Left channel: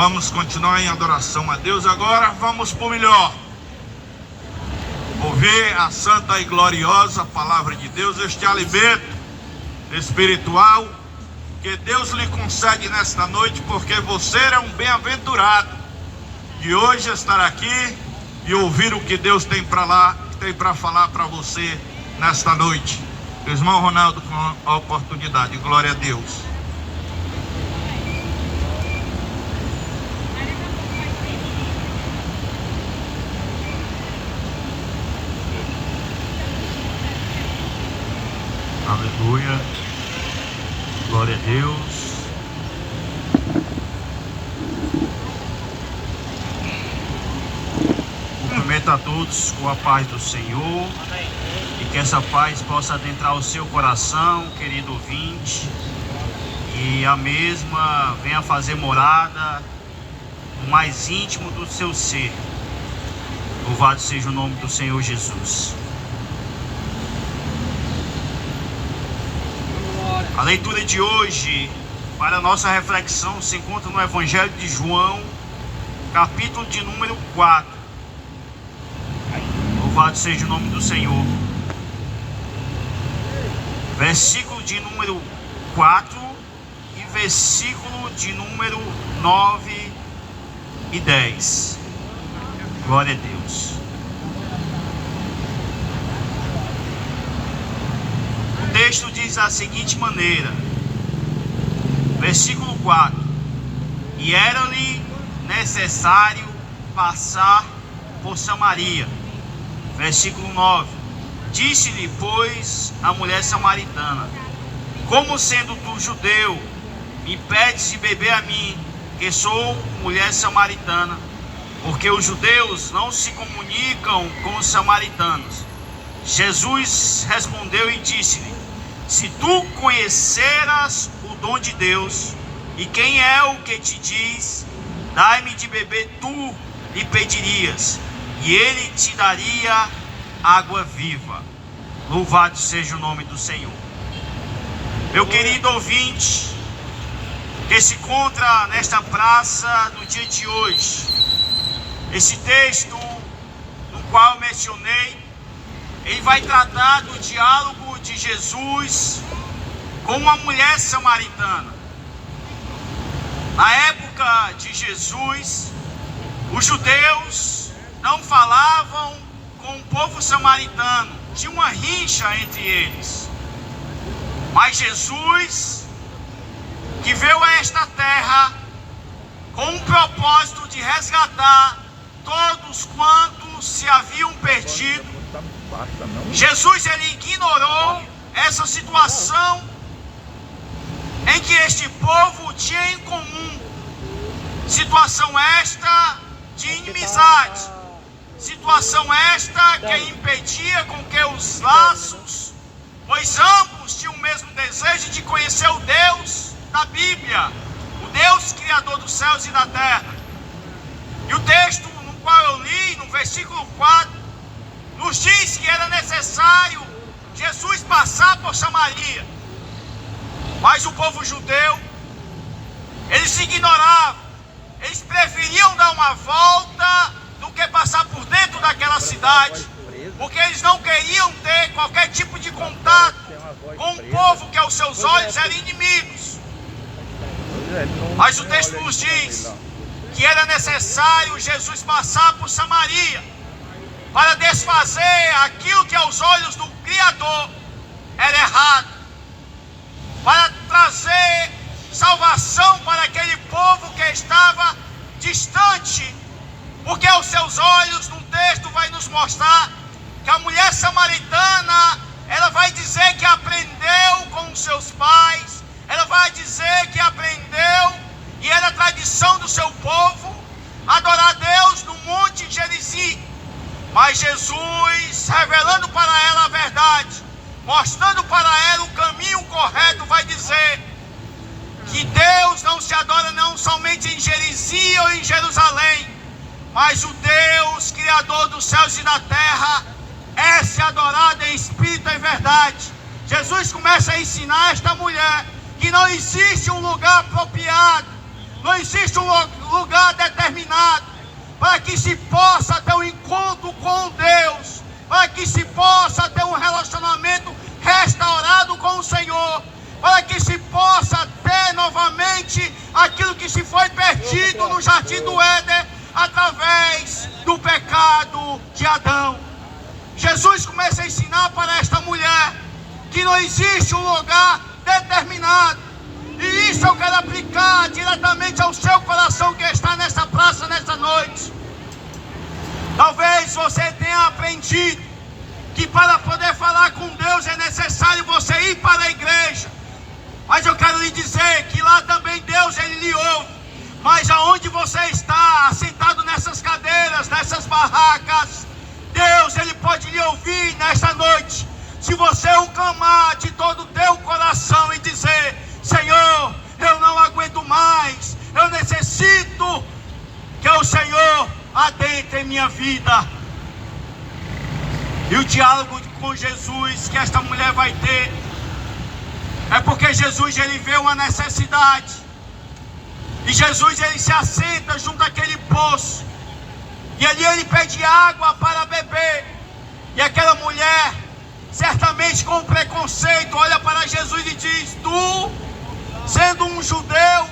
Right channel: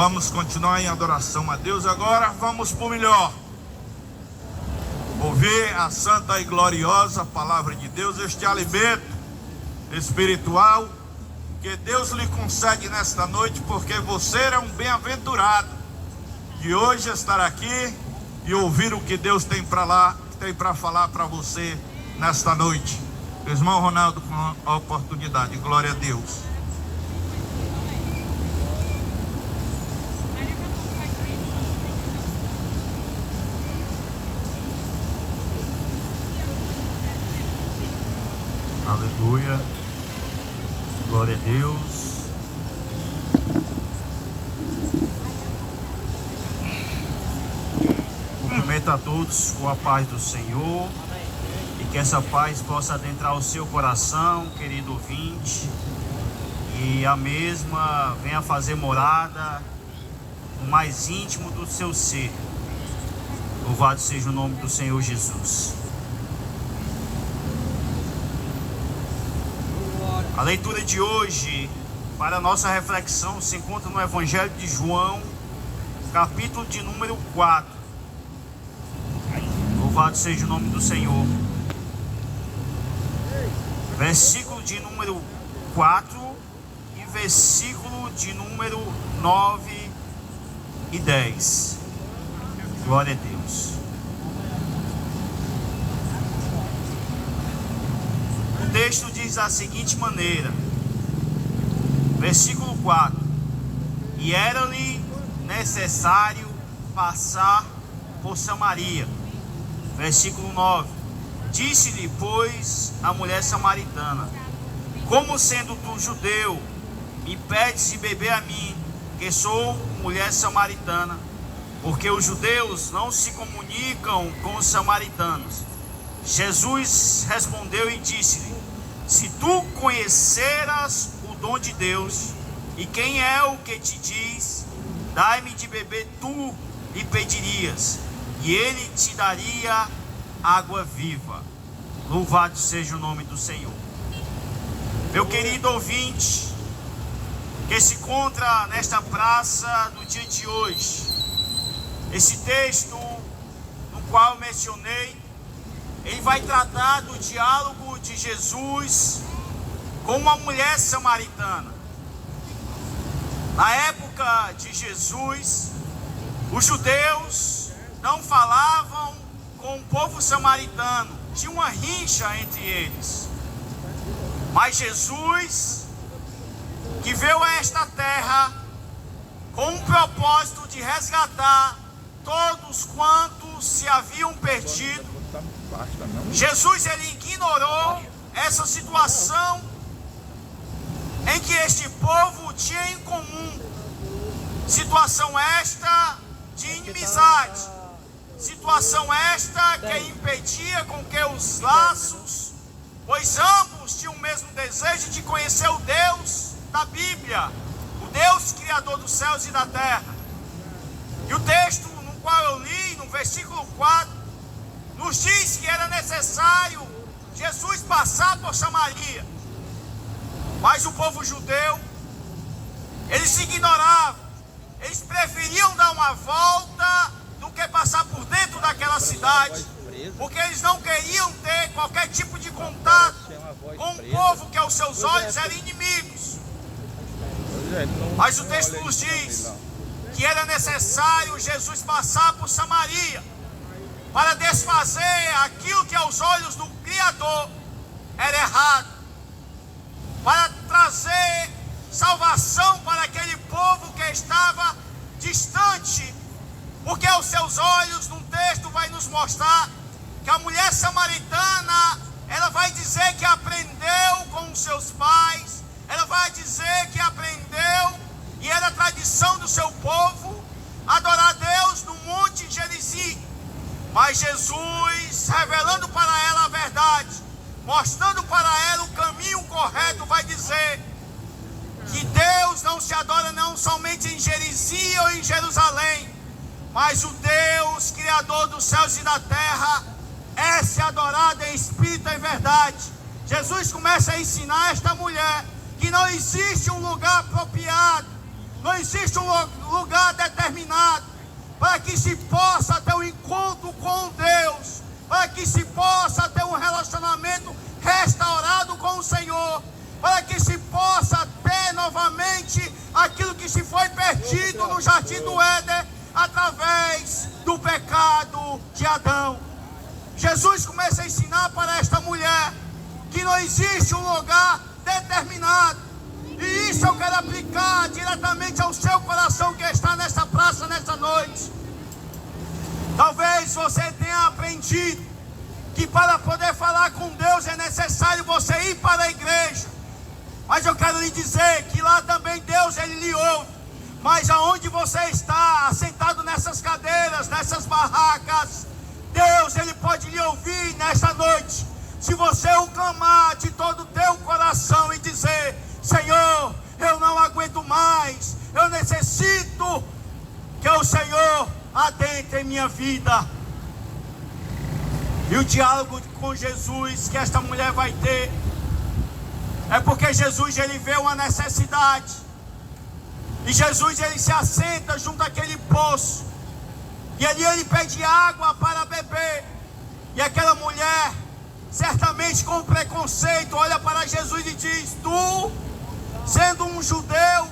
Vamos continuar em adoração a Deus. Agora vamos para o melhor. Ouvir a santa e gloriosa palavra de Deus, este alimento espiritual que Deus lhe concede nesta noite, porque você é um bem-aventurado de hoje estar aqui e ouvir o que Deus tem para falar para você nesta noite. Irmão Ronaldo, com a oportunidade, glória a Deus. Aleluia, glória a Deus. Cumprimento a todos com a paz do Senhor e que essa paz possa adentrar o seu coração, querido ouvinte, e a mesma venha fazer morada no mais íntimo do seu ser. Louvado seja o nome do Senhor Jesus. A leitura de hoje, para a nossa reflexão, se encontra no Evangelho de João, capítulo de número 4. Louvado seja o nome do Senhor. Versículo de número 4 e versículo de número 9 e 10. Glória a Deus. O texto diz da seguinte maneira, versículo 4: E era-lhe necessário passar por Samaria. Versículo 9: Disse-lhe, pois, a mulher samaritana: Como sendo tu judeu, me pedes de beber a mim, que sou mulher samaritana? Porque os judeus não se comunicam com os samaritanos. Jesus respondeu e disse-lhe: Se tu conheceras o dom de Deus, e quem é o que te diz, dai-me de beber, tu lhe pedirias, e ele te daria água viva. Louvado seja o nome do Senhor. Meu querido ouvinte, que se encontra nesta praça no dia de hoje, esse texto no qual mencionei, ele vai tratar do diálogo de Jesus com uma mulher samaritana. Na época de Jesus, os judeus não falavam com o povo samaritano, tinha uma rixa entre eles. Mas Jesus, que veio a esta terra com o propósito de resgatar todos quantos se haviam perdido, Jesus, ele ignorou essa situação em que este povo tinha em comum. Situação esta de inimizade, situação esta que impedia com que os laços, pois ambos tinham o mesmo desejo de conhecer o Deus da Bíblia, o Deus criador dos céus e da terra. E o texto no qual eu li, no versículo 4, nos diz que era necessário Jesus passar por Samaria. Mas o povo judeu, eles ignoravam, eles preferiam dar uma volta do que passar por dentro daquela cidade, porque eles não queriam ter qualquer tipo de contato com um povo que aos seus olhos eram inimigos. Mas o texto nos diz que era necessário Jesus passar por Samaria para desfazer aquilo que aos olhos do Criador era errado, para trazer salvação para aquele povo que estava distante, porque aos seus olhos, no texto vai nos mostrar que a mulher samaritana, ela vai dizer que aprendeu com os seus pais, ela vai dizer que aprendeu, e era tradição do seu povo, adorar a Deus no Monte Gerizim. Mas Jesus, revelando para ela a verdade, mostrando para ela o caminho correto, vai dizer que Deus não se adora não somente em Gerizim ou em Jerusalém, mas o Deus criador dos céus e da terra é se adorado em espírito e verdade. Jesus começa a ensinar esta mulher que não existe um lugar apropriado não existe um lugar determinado para que se possa ter um encontro com Deus, para que se possa ter um relacionamento restaurado com o Senhor, para que se possa ter novamente aquilo que se foi perdido no jardim do Éden através do pecado de Adão. Jesus começa a ensinar para esta mulher que não existe um lugar determinado, e isso eu quero aplicar diretamente ao seu coração que está nessa praça nessa noite. Talvez você tenha aprendido que para poder falar com Deus é necessário você ir para a igreja, mas eu quero lhe dizer que lá também Deus ele lhe ouve, mas aonde você está assentado nessas cadeiras, nessas barracas, Deus ele pode lhe ouvir nesta noite, se você o clamar de todo o teu coração e dizer: Senhor, eu não aguento mais, eu necessito que o Senhor adentre em minha vida. E o diálogo com Jesus que esta mulher vai ter é porque Jesus ele vê uma necessidade, e Jesus ele se assenta junto àquele poço, e ali ele pede água para beber, e aquela mulher, certamente com preconceito, olha para Jesus e diz: tu, sendo um judeu,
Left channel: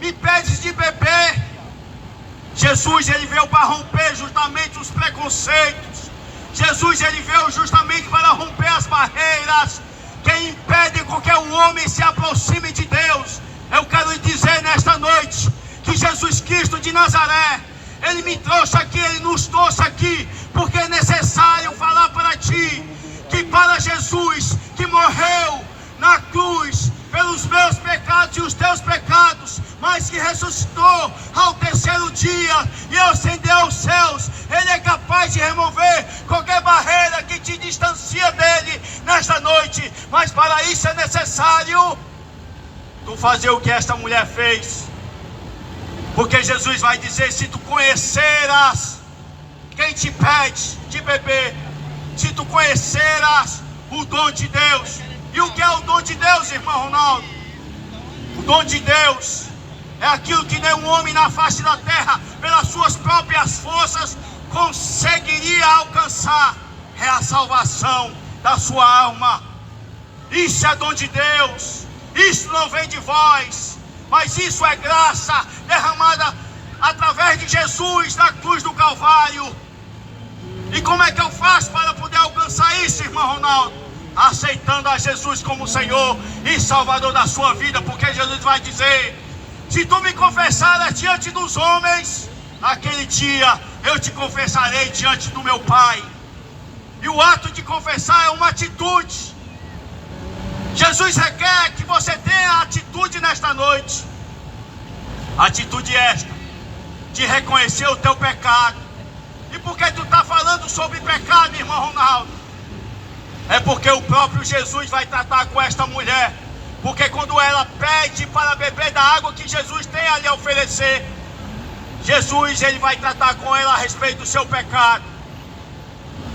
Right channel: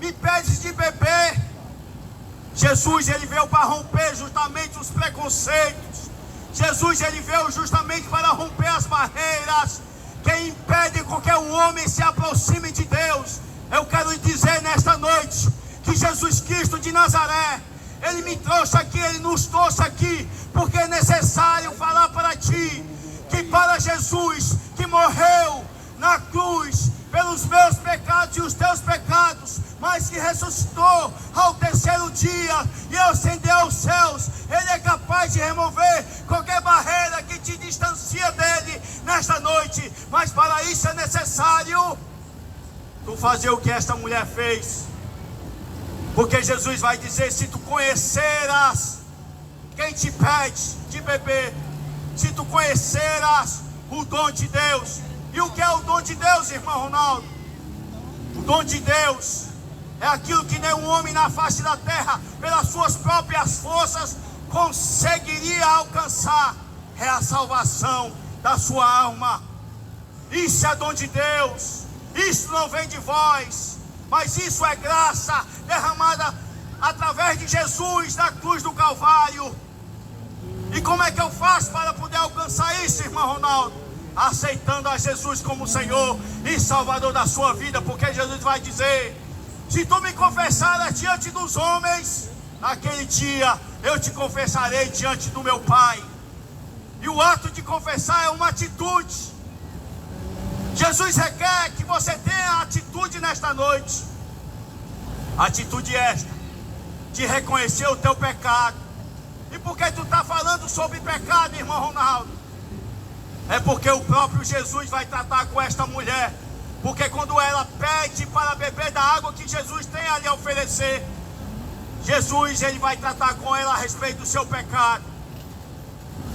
me pedes de beber? Jesus ele veio para romper justamente os preconceitos. Jesus ele veio justamente para romper as barreiras que impedem com que o homem se aproxime de Deus. Eu quero lhe dizer nesta noite que Jesus Cristo de Nazaré, ele me trouxe aqui, ele nos trouxe aqui, porque é necessário falar para ti que para Jesus que morreu na cruz pelos meus pecados e os teus pecados, mas que ressuscitou ao terceiro dia e ascendeu aos céus, ele é capaz de remover qualquer barreira que te distancia dele nesta noite. Mas para isso é necessário tu fazer o que esta mulher fez, porque Jesus vai dizer: se tu conheceras quem te pede de beber, se tu conheceras o dom de Deus. E o que é o dom de Deus, irmão Ronaldo? O dom de Deus é aquilo que nenhum homem na face da terra, pelas suas próprias forças, conseguiria alcançar. É a salvação da sua alma. Isso é dom de Deus. Isso não vem de vós, mas isso é graça derramada através de Jesus na cruz do Calvário. E como é que eu faço para poder alcançar isso, irmão Ronaldo? Aceitando a Jesus como Senhor e Salvador da sua vida, porque Jesus vai dizer: se tu me confessares diante dos homens, naquele dia eu te confessarei diante do meu Pai. E o ato de confessar é uma atitude. Jesus requer que você tenha atitude nesta noite. Atitude esta de reconhecer o teu pecado. E por que tu está falando sobre pecado, irmão Ronaldo? É porque o próprio Jesus vai tratar com esta mulher. Porque quando ela pede para beber da água que Jesus tem a lhe oferecer, Jesus ele vai tratar com ela a respeito do seu pecado.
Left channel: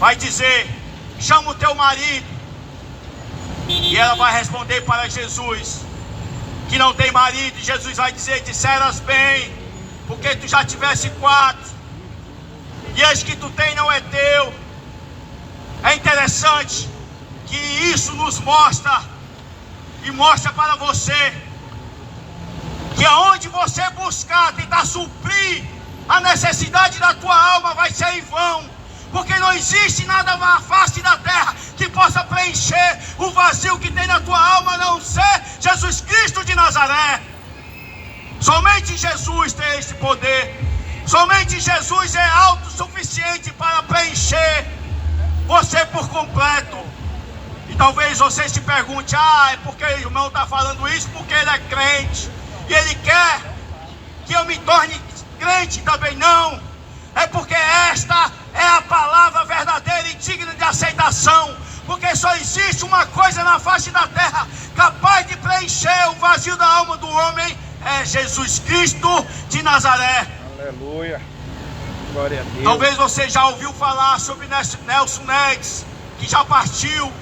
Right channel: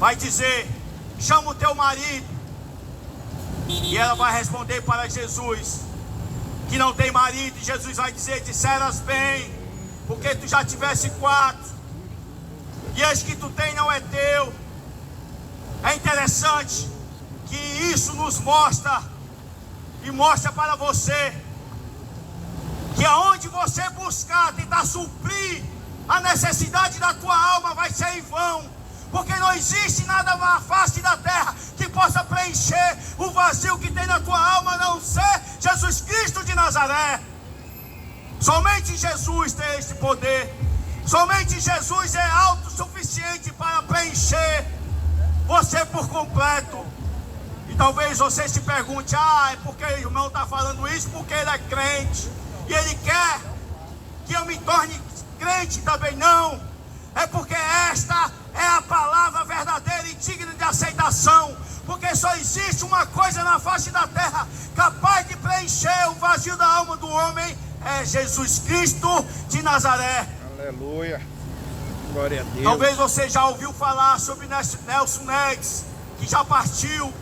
Vai dizer: chama o teu marido. E ela vai responder para Jesus que não tem marido. E Jesus vai dizer: disseras bem, porque tu já tivesse 4, e esse que tu tem não é teu. É interessante que isso nos mostra, e mostra para você, que aonde você buscar tentar suprir a necessidade da tua alma vai ser em vão, porque não existe nada na face da terra que possa preencher o vazio que tem na tua alma, a não ser Jesus Cristo de Nazaré. Somente Jesus tem este poder, somente Jesus é autossuficiente para preencher você por completo. E talvez você se pergunte: é porque o irmão está falando isso porque ele é crente e ele quer que eu me torne crente também. Não, é porque esta é a palavra verdadeira e digna de aceitação, porque só existe uma coisa na face da terra capaz de preencher o vazio da alma do homem, é Jesus Cristo de Nazaré. Aleluia, glória a Deus. Talvez você já ouviu falar sobre Nelson Nedes, que já partiu,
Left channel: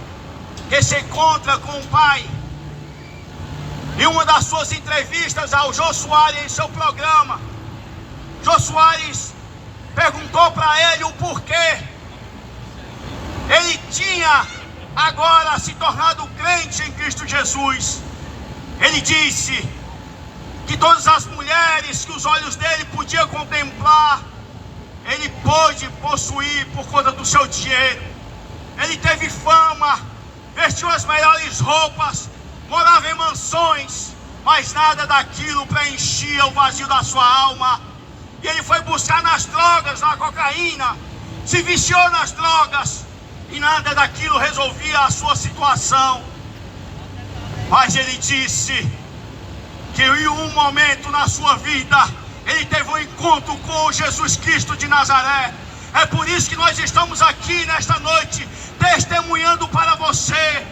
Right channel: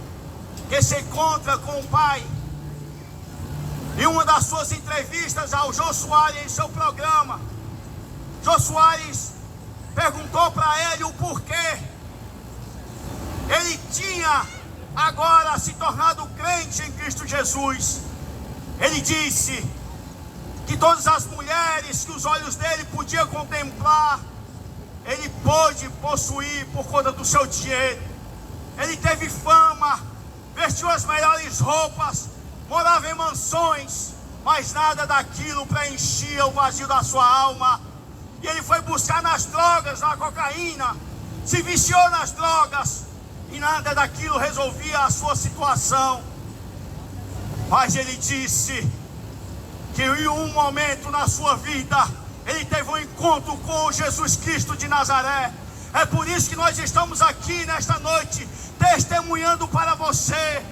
que se encontra com o Pai. Em uma das suas entrevistas ao Jô Soares em seu programa, Jô Soares perguntou para ele o porquê ele tinha agora se tornado crente em Cristo Jesus. Ele disse que todas as mulheres que os olhos dele podiam contemplar, ele pôde possuir por conta do seu dinheiro. Ele teve fama, vestiu as melhores roupas, morava em mansões, mas nada daquilo preenchia o vazio da sua alma. E ele foi buscar nas drogas, na cocaína, se viciou nas drogas, e nada daquilo resolvia a sua situação. Mas ele disse que em um momento na sua vida, ele teve um encontro com Jesus Cristo de Nazaré. É por isso que nós estamos aqui nesta noite, testemunhando para você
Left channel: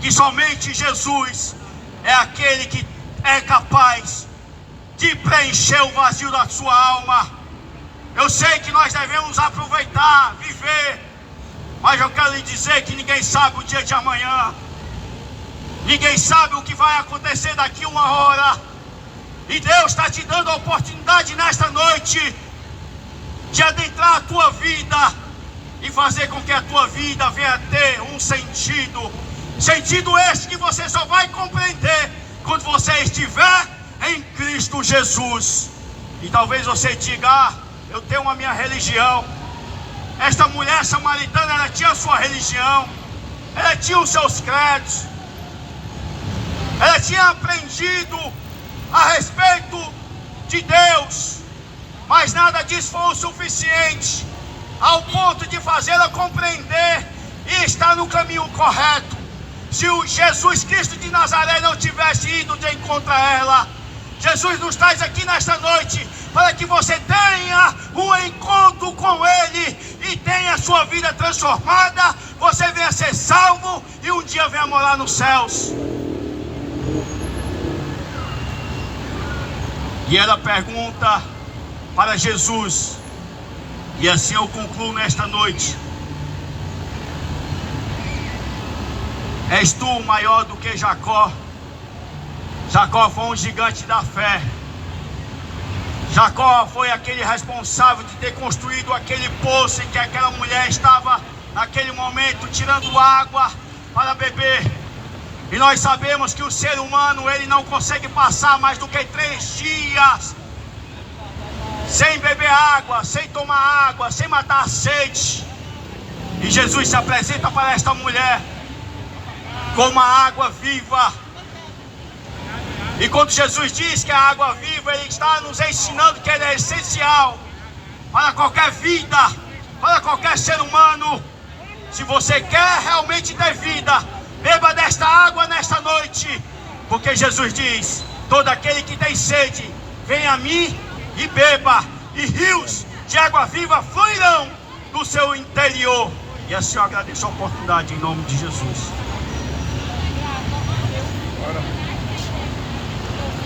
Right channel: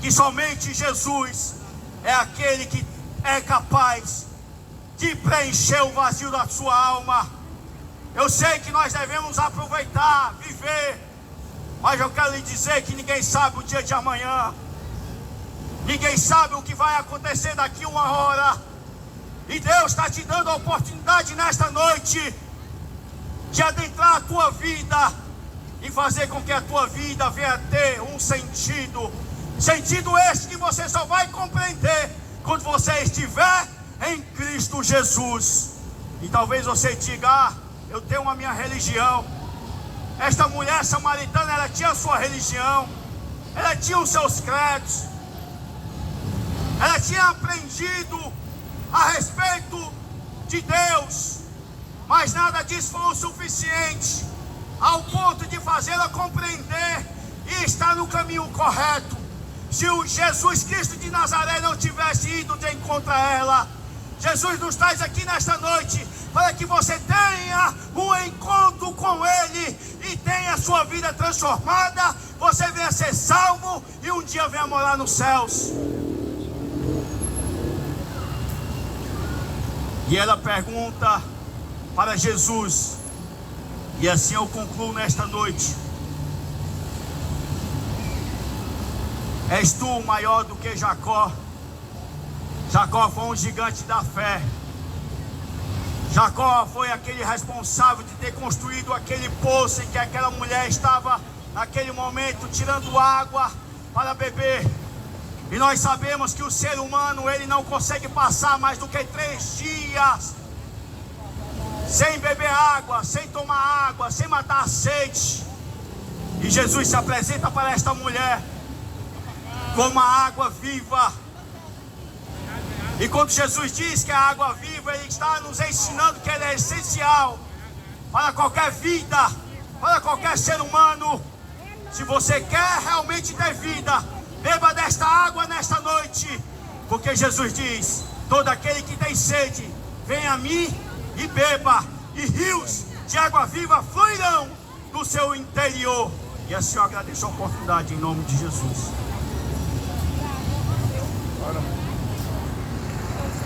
que somente Jesus é aquele que é capaz de preencher o vazio da sua alma. Eu sei que nós devemos aproveitar, viver, mas eu quero lhe dizer que ninguém sabe o dia de amanhã. Ninguém sabe o que vai acontecer daqui uma hora. E Deus está te dando a oportunidade nesta noite de adentrar a tua vida e fazer com que a tua vida venha a ter um sentido. Sentido este que você só vai compreender quando você estiver em Cristo Jesus. E talvez você diga: ah, eu tenho a minha religião. Esta mulher samaritana, ela tinha a sua religião, ela tinha os seus credos, ela tinha aprendido a respeito de Deus, mas nada disso foi o suficiente ao ponto de fazê-la compreender e estar no caminho correto. Se o Jesus Cristo de Nazaré não tivesse ido de encontro a ela, Jesus nos traz aqui nesta noite para que você tenha um encontro com Ele e tenha a sua vida transformada, você venha ser salvo e um dia venha morar nos céus. E ela pergunta para Jesus, e assim eu concluo nesta noite: és tu maior do que Jacó? Jacó foi um gigante da fé. Jacó foi aquele responsável de ter construído aquele poço em que aquela mulher estava naquele momento tirando água para beber. E nós sabemos que o ser humano, ele não consegue passar mais do que 3 dias sem beber água, sem tomar água, sem matar a sede. E Jesus se apresenta para esta mulher com uma água viva. E quando Jesus diz que a água viva, Ele está nos ensinando que ela é essencial para qualquer vida, para qualquer ser humano. Se você quer realmente ter vida, beba desta água nesta noite, porque Jesus diz: todo aquele que tem sede, venha a mim e beba, e rios de água viva fluirão do seu interior. E assim eu agradeço a oportunidade em nome de Jesus. Bora.